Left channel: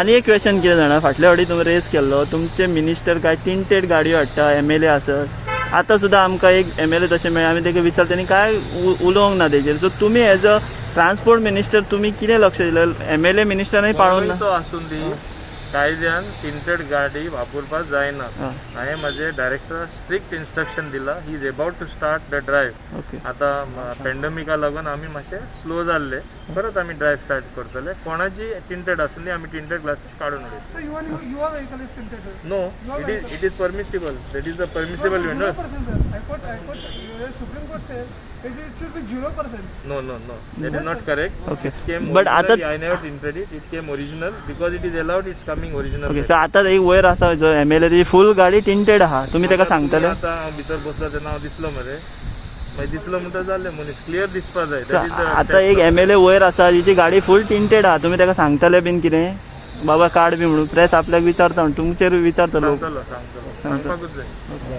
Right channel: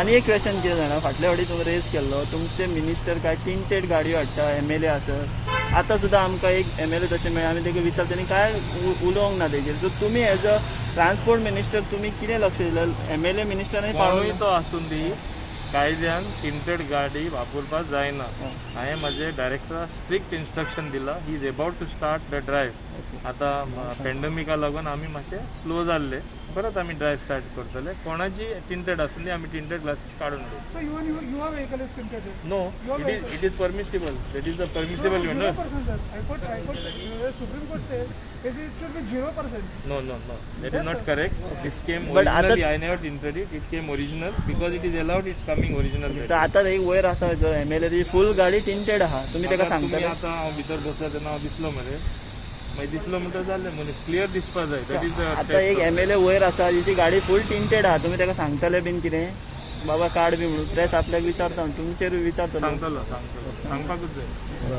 आणि एक क्वेश्चन कितें जाणा फाटल्या फावटी तुमी रेस केल्लो तुमचे मिनिस्टर काय टिंटेड गाडयो हाडटा MLA आसत आतां सुद्दां आमकां एक MLA तशें मेळ्ळा आमी ताका विचारता तेणी काय उलोवंक ना तेजेर सो तुमी एज अ ट्रान्सपोर्ट मिनिस्टर तुमी कितें लक्ष दिलें MLA मिनिस्टरांनी पाळूंक तो आसून दी कायद्यान टिंटेड गाडी वापरपाक जायना हांवें म्हाजे डायरेक्टराक स्ट्रिक्ट इन्स्ट्रक्शन दिला he is about to start the drive आतां पॅन्डेमिका लागून आमी मातशे स्लो जाल्ले परत आमी ड्रायव्ह स्टार्ट करतले कोणाची टिंटेड आसून दी आमी टिंटेड ग्लासेस काडून उडयतले no it is permissible that is the permissible vendor No, that is not correct. Okay. It came But originally. I never tinted it. It came original because it is allowed. It's coming original. Okay so आतां एक वयर आसा जो MLA ती फूल गाडी tinted आहा तुमी ताका सांगतले आता हांव भितर बसला तेन्ना हांव दिसलो मरे मागीर दिसलो म्हणटा जालें मनीस क्लियर दिसपा जाय दॅट इज द आतां एक MLA वयर आसा जिची गाडी फूल टिंटेड आहा तुमी ताका सांगतले बीन कितें बाबा काड बी म्हणून प्रेस आपल्याक विचारता तुमचेर विचारतलो सांगतलो सांगपाकूच जाय